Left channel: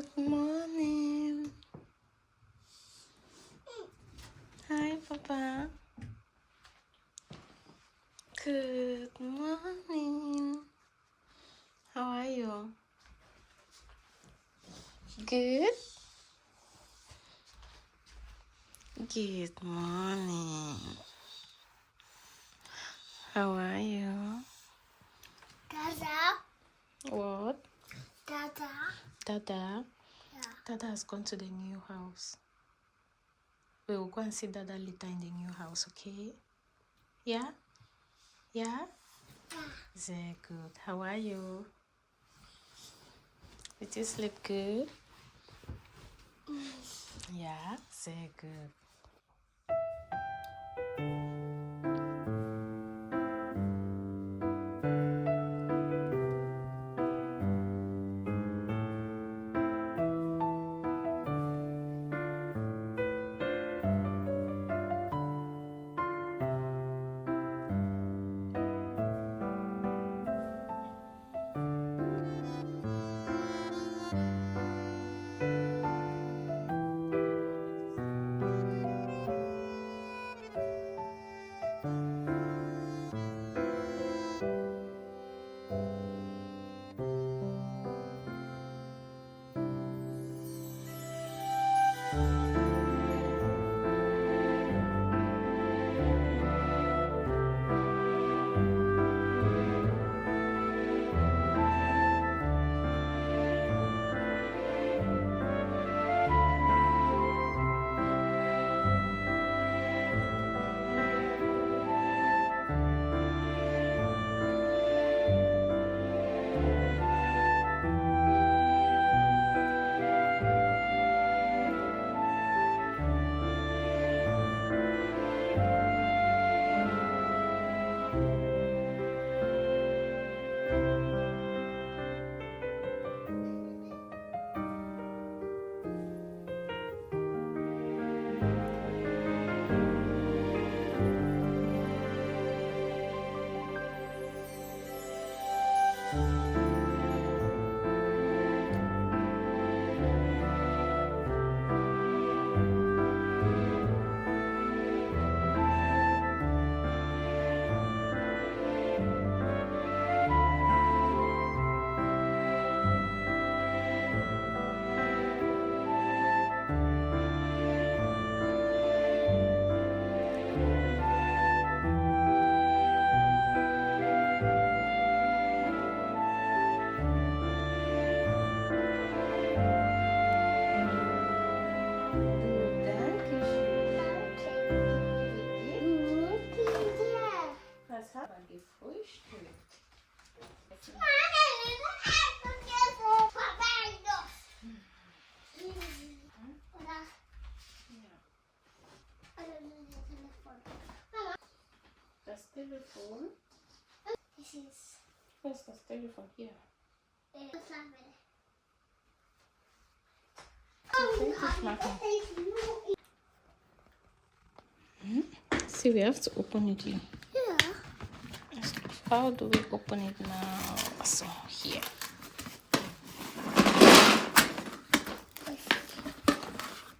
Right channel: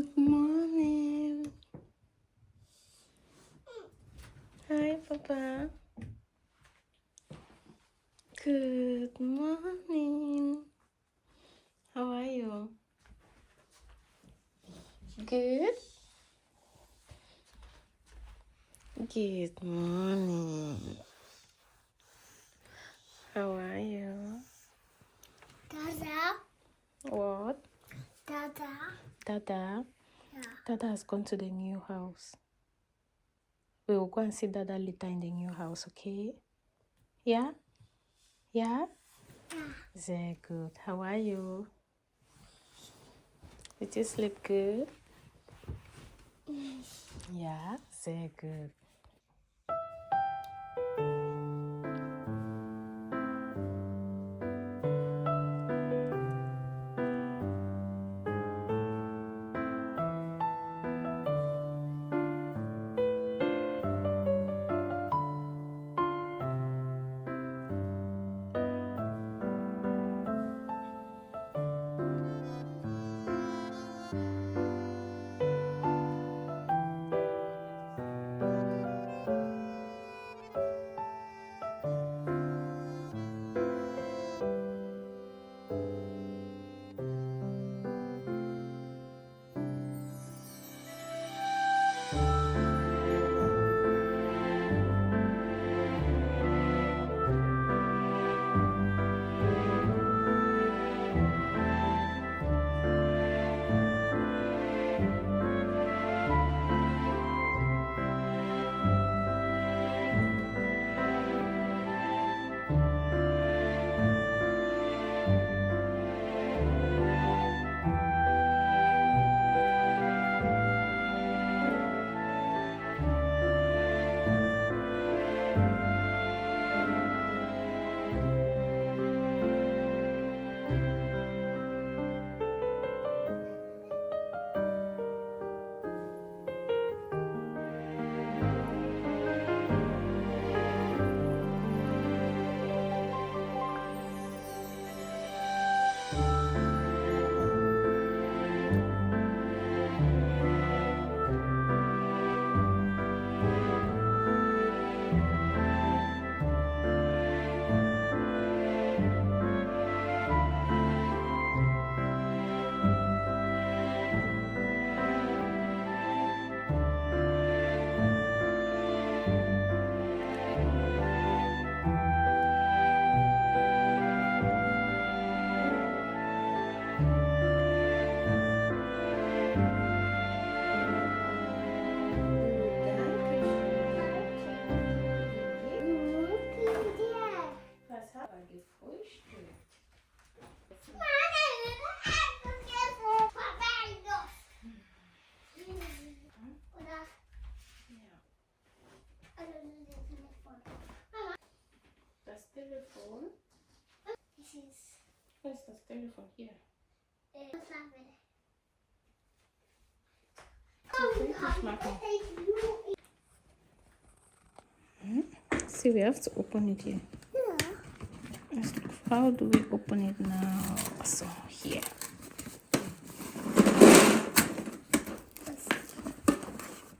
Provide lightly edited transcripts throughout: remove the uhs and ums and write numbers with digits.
Good morning. Hi, Papa. Good morning. How are you? Good? Good morning. How are you? Dada. What? Dada. Dada? Yeah. Dada has gone to the new house. We will go and see Dada later in the new house, okay? Yeah? Yeah? Yeah. Very good. How are you? Did you sleep good? Yeah, very good. Das Telefon? This is. Wo ist das Telefon? Hier. Fertig machen. See, we have to open it here. Yeah. How do we open it now? So, here.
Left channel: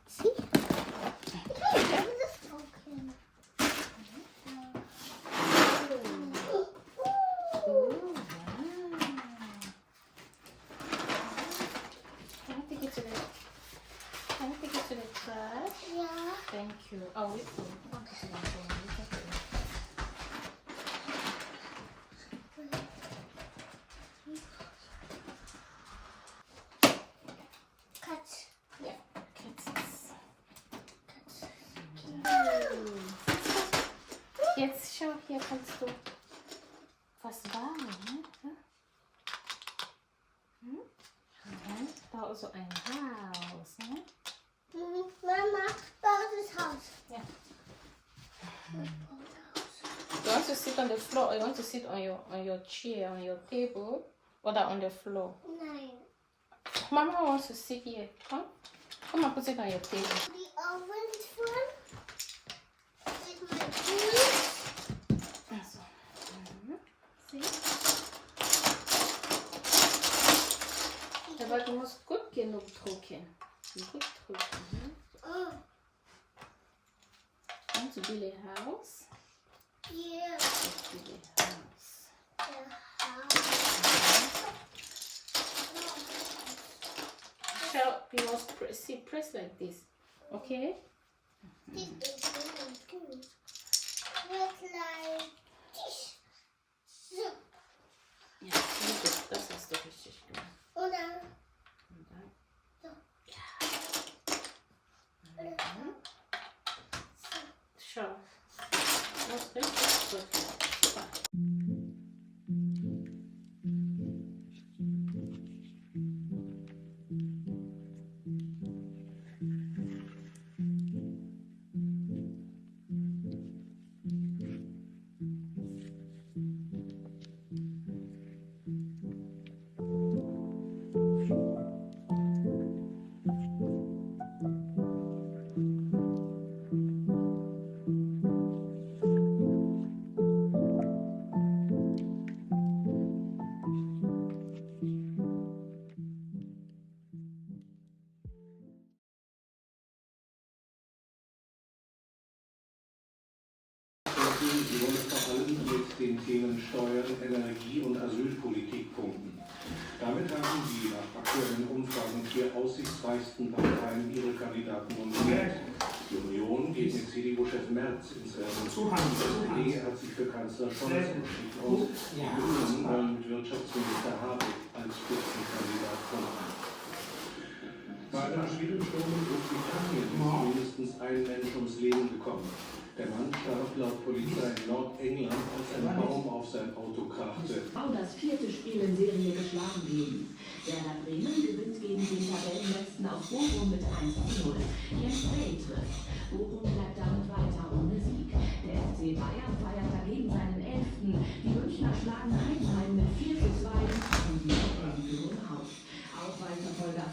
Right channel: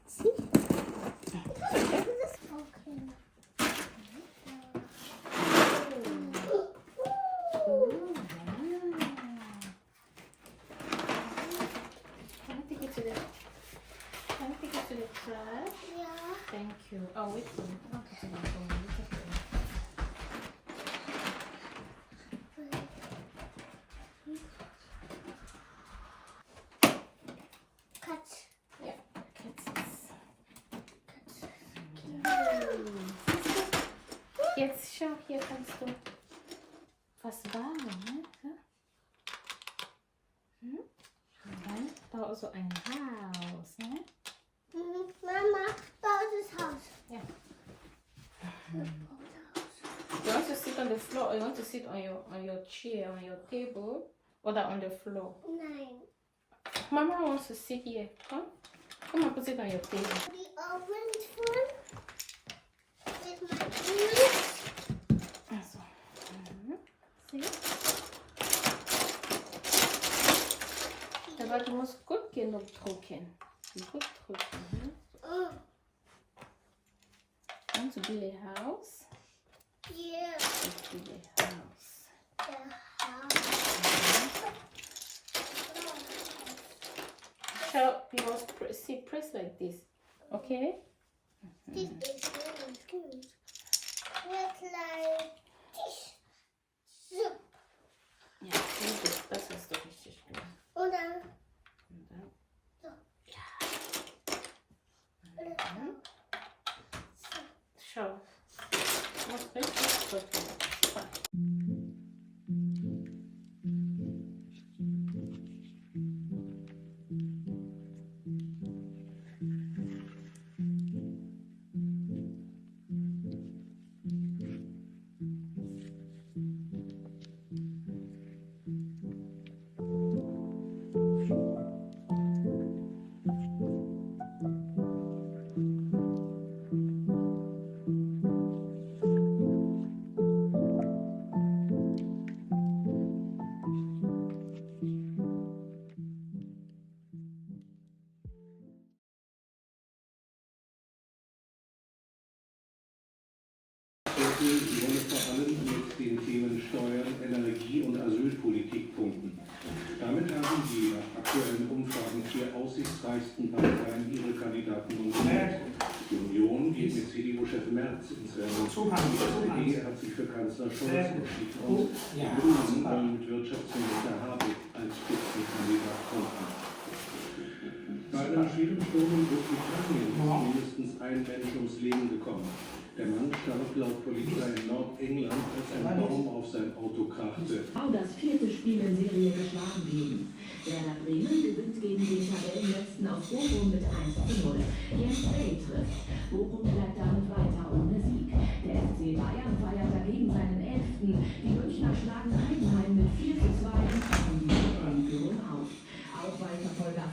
See? Okay. Can I take it to the trash? Yeah. Thank you. Oh, wait for me. I'll take it to the Cut. Yeah. Jetzt schau, hier kannst du was bauen, ne? Und da ist so ein Haus, ne? Mama, bought this house. Yeah. You want to sit on the floor or you want to sit on your chair, on your table, or that on the floor? Nine. Mama wants to sit here. Come and put it on your table. The orange one is my juice. That's all. See? The Aber du musst gut genug drücken. Gut drücken. Hm? Und to build a house. Yeah. Let's build a house. The house. So you must press like this. Okay? This is really good. Look like this. Soup. Ja, sehr gut. Das hast du richtig gemacht. Und dann Und dann. so. Ja. Mhm. Schau. Du musst richtig drücken. Sie wollen vor allem mit den Themen Steuern, Energie und Asylpolitik punkten. Damit haben die nach aktuellen Umfragen 4 aussichtsreichsten Parteien ihre Kandidaten nominiert. Die Union geht mit CDU-Chef Merz ins Rennen. Die SPD hat sich für Kanzler Scholz entschieden und die Grünen wollen mit Wirtschaftsminister Habeck als Spitzenkandidat punkten. Bei einem schweren Sturm in Großbritannien ist mindestens ein Mensch ums Leben gekommen. Der Mann starb laut Polizei in Nordengland, als ein Baum auf sein Auto krachte. Das 4. Spiel in Serie geschlagen geben. Werder Bremen gewinnt gegen den Tabellenletzten aus Bochum mit 1:0. Jetzt Bay trifft. Bochum bleibt damit weiter ohne Sieg. Der FC Bayern feiert dagegen seinen 11. Die Münchner schlagen Heidenheim mit 4:2 und Führung auf. Auswahlverfolger